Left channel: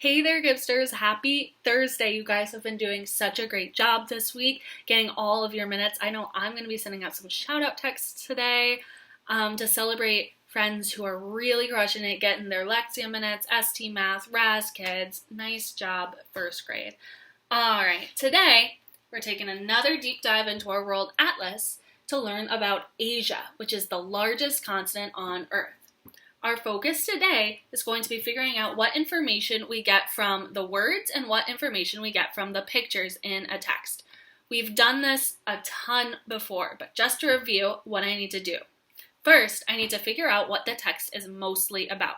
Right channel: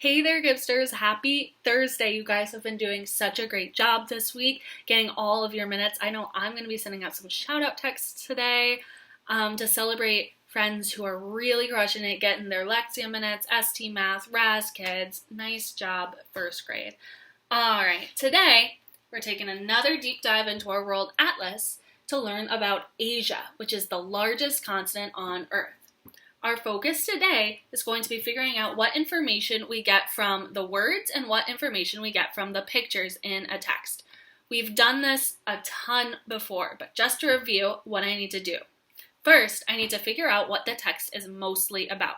Hey there, Gibsters. Happy Thursday. You guys have been doing such a great job this week, getting all of your minutes. I know I'm going to be sending out some shout out texts today to celebrate friends who are really crushing it, getting their Lexia minutes, ST Math, RAS Kids. Nice job, first grade. All right, today we're taking another deep dive into our world atlas to learn about Asia, which is the largest continent on Earth. Our focus today is going to be figuring out what information we get from the words and what information we get from the pictures in a text. We've done this a ton before, but just to review what I need to do. First, I need to figure out what the text is mostly about.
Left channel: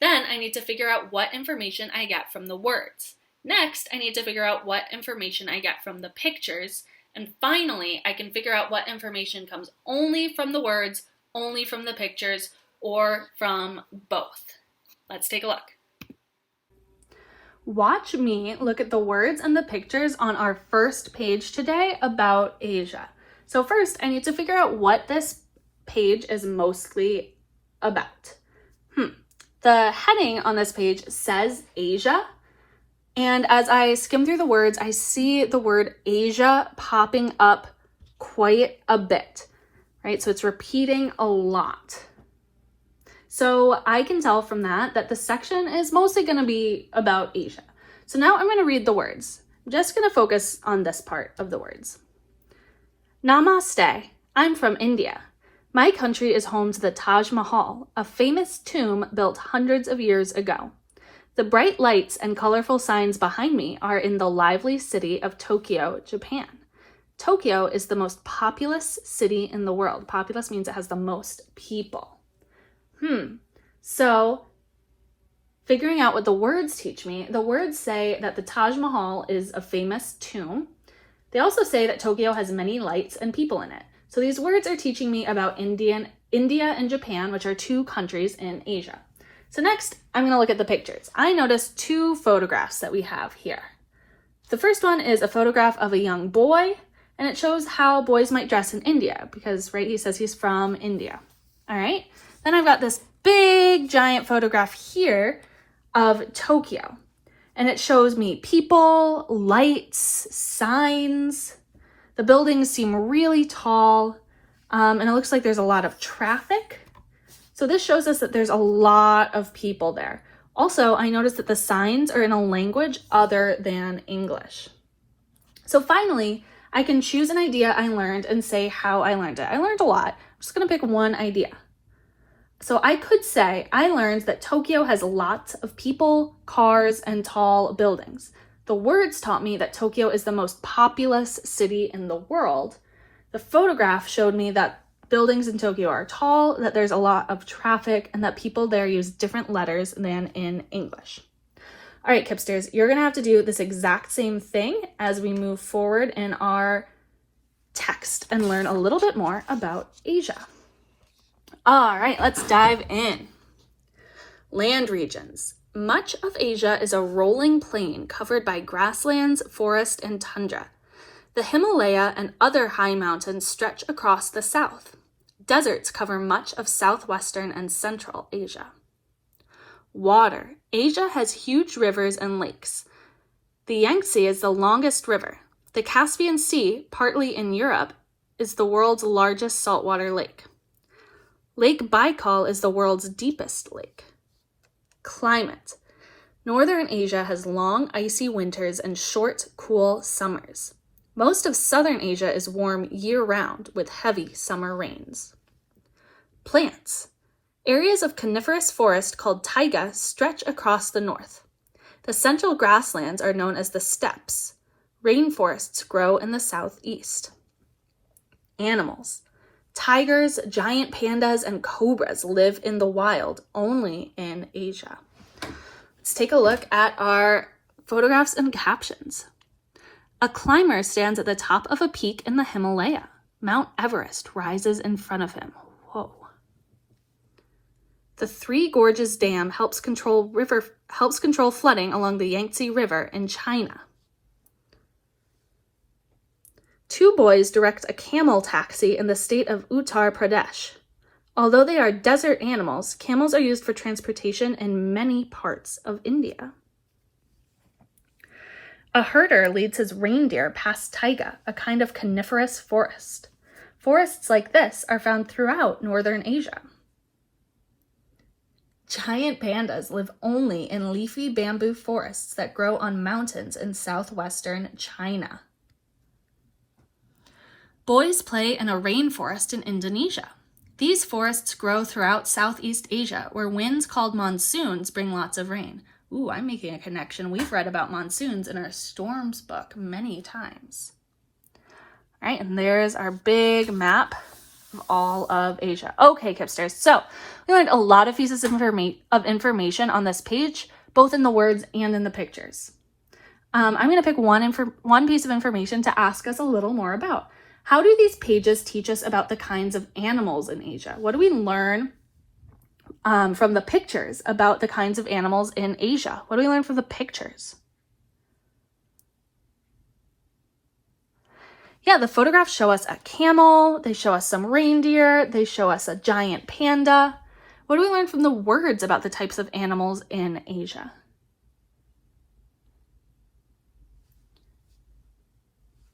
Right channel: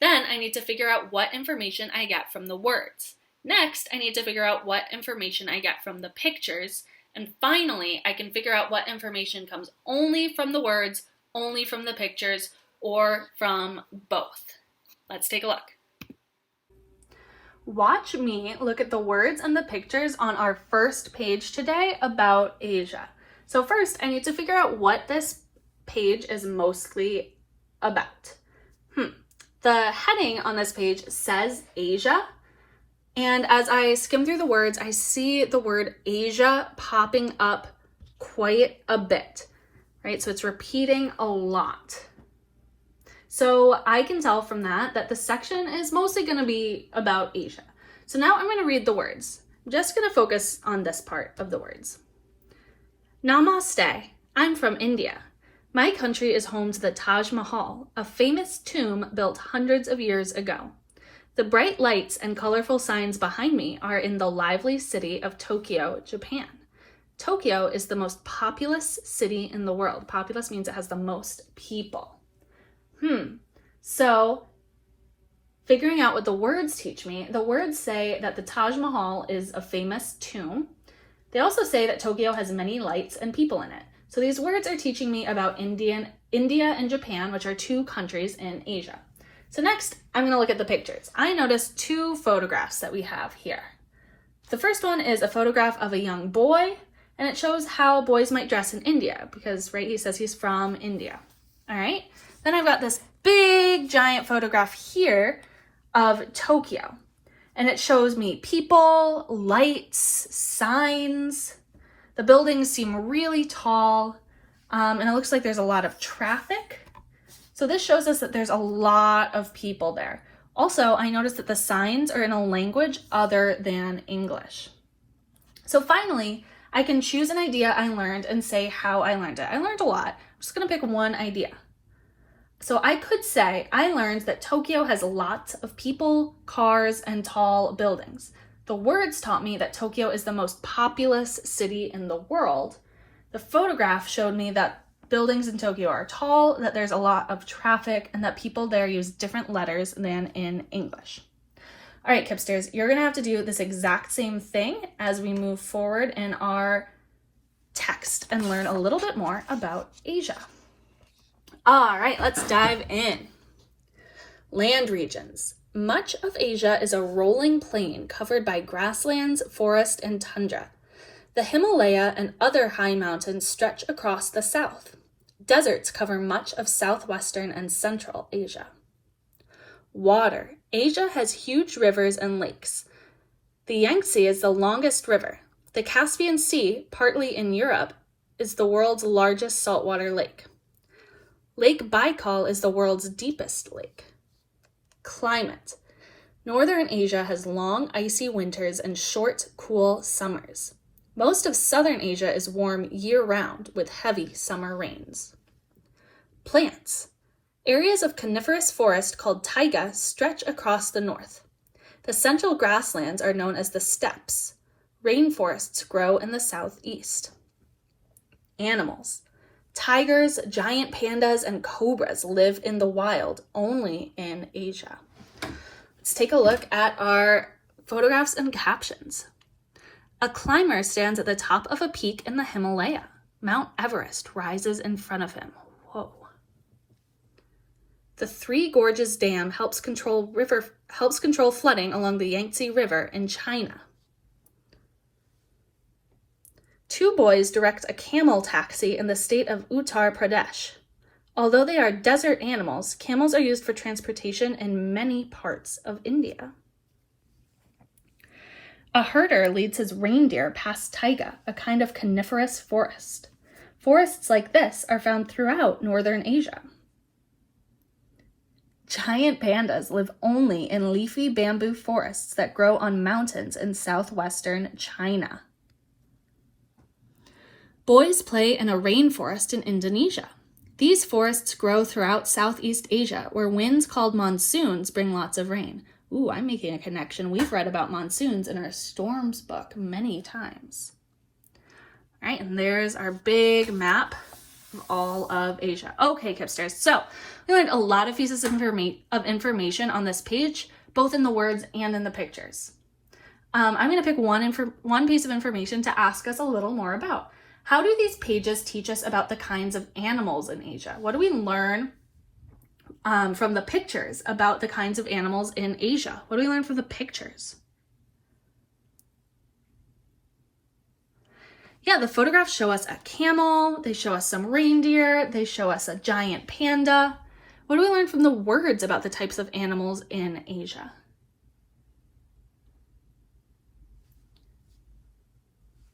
Then I need to figure out what information I get from the words. Next, I need to figure out what information I get from the pictures. And finally, I can figure out what information comes only from the words, only from the pictures, or from both. Let's take a look. Watch me look at the words and the pictures on our first page today about Asia. So first, I need to figure out what this page is mostly about. The heading on this page says Asia, and as I skim through the words, I see the word Asia popping up quite a bit, right? So it's repeating a lot. So I can tell from that the section is mostly going to be about Asia. So now I'm going to read the words. I'm just going to focus on this part of the words. Namaste. I'm from India. My country is home to the Taj Mahal, a famous tomb built hundreds of years ago. The bright lights and colorful signs behind me are in the lively city of Tokyo, Japan. Tokyo is the most populous city in the world. Populous means it has the most people. So figuring out what the words teach me, the words say that the Taj Mahal is a famous tomb. They also say that Tokyo has many lights and people in it. So these words are teaching me about India and Japan, which are two countries in Asia. So next, I'm going to look at the pictures. I noticed two photographs that we have here. The first one is a photograph of a young boy, and it shows how boys might dress in India, because, right, he says he's from India. All right. Then I've got this big giant photograph here of Tokyo, and it shows me people, lights, signs. The buildings seem really tall, and it looks like there's a lot of traffic. So this shows us that there's a lot of people there. Also, I noticed that the signs are in a language other than English. So finally, I can choose an idea I learned and say how I learned it. I learned a lot. I'm just going to pick one idea. So I could say I learned that Tokyo has lots of people, cars, and tall buildings. The words taught me that Tokyo is the most populous city in the world. The photograph showed me that buildings in Tokyo are tall, that there's a lot of traffic, and that people there use different letters than in English. All right, Kipsters, you're going to have to do this exact same thing as we move forward in our text and learn a little bit more about Asia. All right, let's dive in. Land regions. Much of Asia is a rolling plain covered by grasslands, forest, and tundra. The Himalaya and other high mountains stretch across the south. Deserts cover much of southwestern and central Asia. Water. Asia has huge rivers and lakes. The Yangtze is the longest river. The Caspian Sea, partly in Europe, is the world's largest saltwater lake. Lake Baikal is the world's deepest lake. Climate. Northern Asia has long, icy winters and short, cool summers. Most of southern Asia is warm year-round with heavy summer rains. Plants. Areas of coniferous forest called taiga stretch across the north. The central grasslands are known as the steppes. Rainforests grow in the southeast. Animals. Tigers, giant pandas, and cobras live in the wild, only in Asia. Let's take a look at our photographs and captions. A climber stands at the top of a peak in the Himalaya. Mount Everest rises in front of him. Whoa. The Three Gorges Dam helps control flooding along the Yangtze River in China. Two boys direct a camel taxi in the state of Uttar Pradesh. Although they are desert animals, camels are used for transportation in many parts of India. A herder leads his reindeer past taiga, a kind of coniferous forest. Forests like this are found throughout northern Asia. Giant pandas live only in leafy bamboo forests that grow on mountains in southwestern China. Boys play in a rainforest in Indonesia. These forests grow throughout Southeast Asia, where winds called monsoons bring lots of rain. Ooh, I'm making a connection. We've read about monsoons in our storms book many times. All right, and there's our big map of all of Asia. Okay, Kipsters, so we learned a lot of pieces of information on this page, both in the words and in the pictures. I'm going to pick one piece of information to ask us a little more about. How do these pages teach us about the kinds of animals in Asia? What do we learn from the pictures about the kinds of animals in Asia? What do we learn from the pictures? Yeah, the photographs show us a camel, they show us some reindeer, they show us a giant panda. What do we learn from the words about the types of animals in Asia?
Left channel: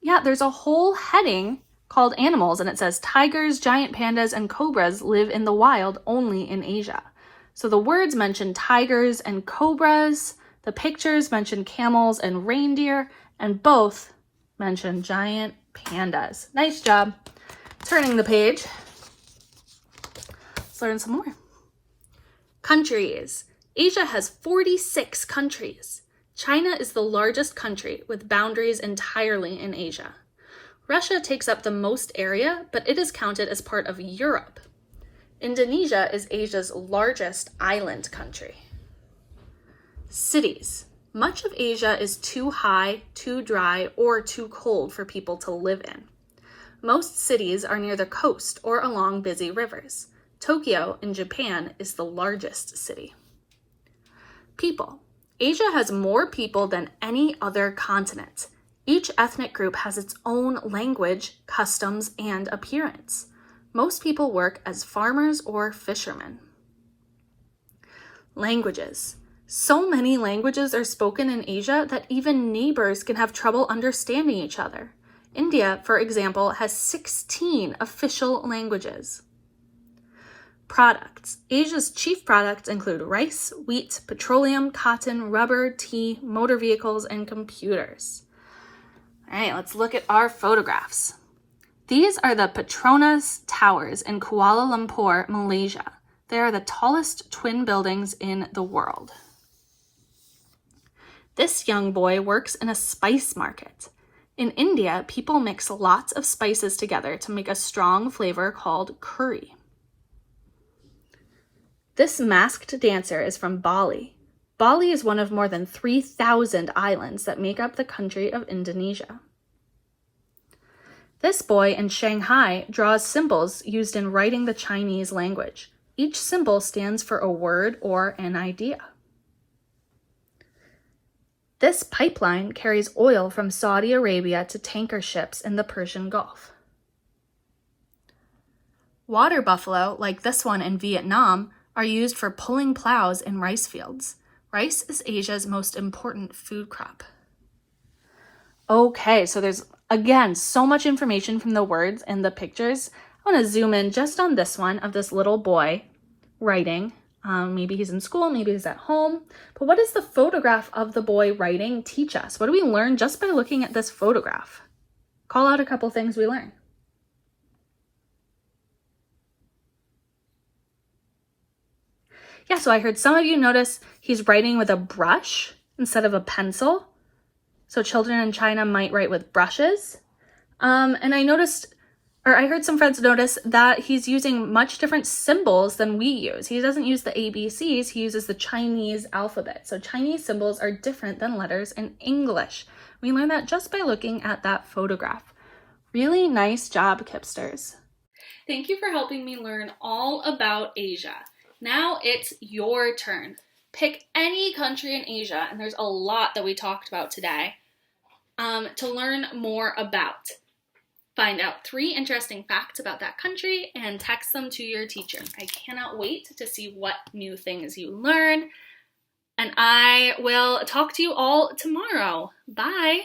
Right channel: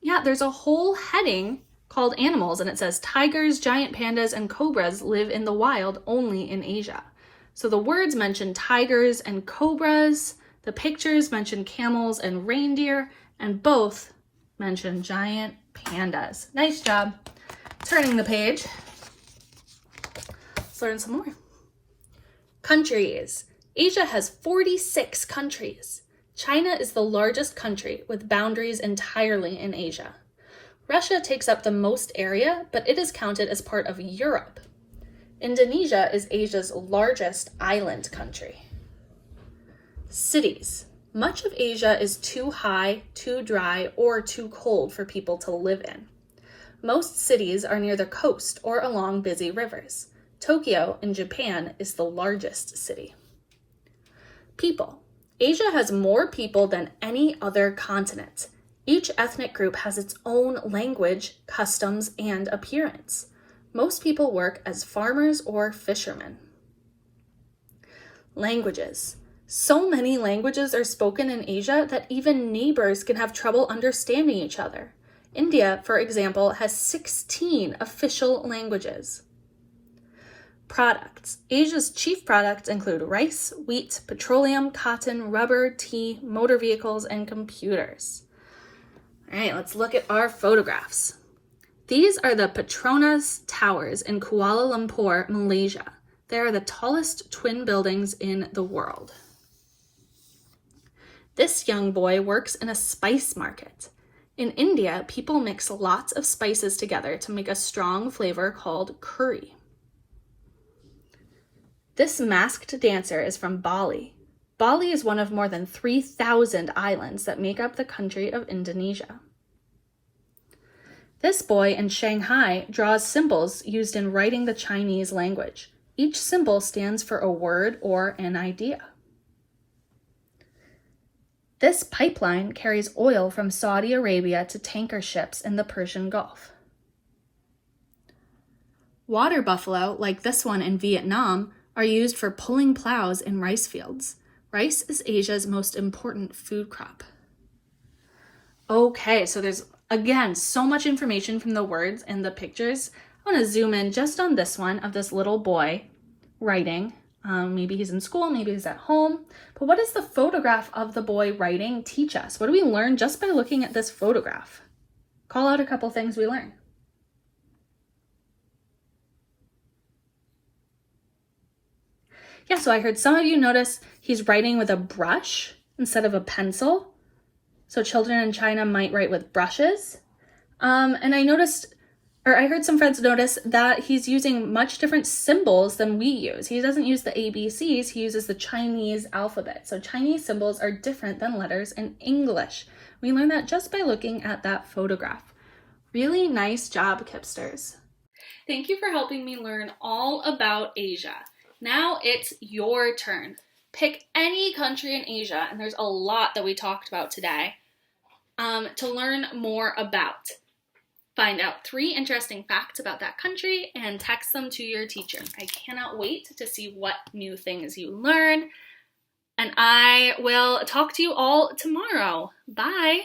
Yeah, there's a whole heading called animals, and it says tigers, giant pandas, and cobras live in the wild only in Asia. So the words mention tigers and cobras, the pictures mention camels and reindeer, and both mention giant pandas. Nice job turning the page. Let's learn some more. Countries. Asia has 46 countries. China is the largest country with boundaries entirely in Asia. Russia takes up the most area, but it is counted as part of Europe. Indonesia is Asia's largest island country. Cities. Much of Asia is too high, too dry, or too cold for people to live in. Most cities are near the coast or along busy rivers. Tokyo in Japan is the largest city. People. Asia has more people than any other continent. Each ethnic group has its own language, customs, and appearance. Most people work as farmers or fishermen. Languages. So many languages are spoken in Asia that even neighbors can have trouble understanding each other. India, for example, has 16 official languages. Products. Asia's chief products include rice, wheat, petroleum, cotton, rubber, tea, motor vehicles, and computers. All right, let's look at our photographs. These are the Petronas Towers in Kuala Lumpur, Malaysia. They are the tallest twin buildings in the world. This young boy works in a spice market. In India, people mix lots of spices together to make a strong flavor called curry. This masked dancer is from Bali. Bali is one of more than 3,000 islands that make up the country of Indonesia. This boy in Shanghai draws symbols used in writing the Chinese language. Each symbol stands for a word or an idea. This pipeline carries oil from Saudi Arabia to tanker ships in the Persian Gulf. Water buffalo, like this one in Vietnam, are used for pulling plows in rice fields. Rice is Asia's most important food crop. Okay, so there's, again, so much information from the words and the pictures. I want to zoom in just on this one of this little boy writing. Maybe he's in school, maybe he's at home. But what does the photograph of the boy writing teach us? What do we learn just by looking at this photograph? Call out a couple things we learned. Yeah, so I heard some of you notice he's writing with a brush instead of a pencil. So children in China might write with brushes. And I heard some friends notice that he's using much different symbols than we use. He doesn't use the ABCs, he uses the Chinese alphabet. So Chinese symbols are different than letters in English. We learned that just by looking at that photograph. Really nice job, Kipsters. Thank you for helping me learn all about Asia. Now it's your turn. Pick any country in Asia, and there's a lot that we talked about today, to learn more about. Find out 3 interesting facts about that country and text them to your teacher. I cannot wait to see what new things you learn. and I will talk to you all tomorrow. Bye!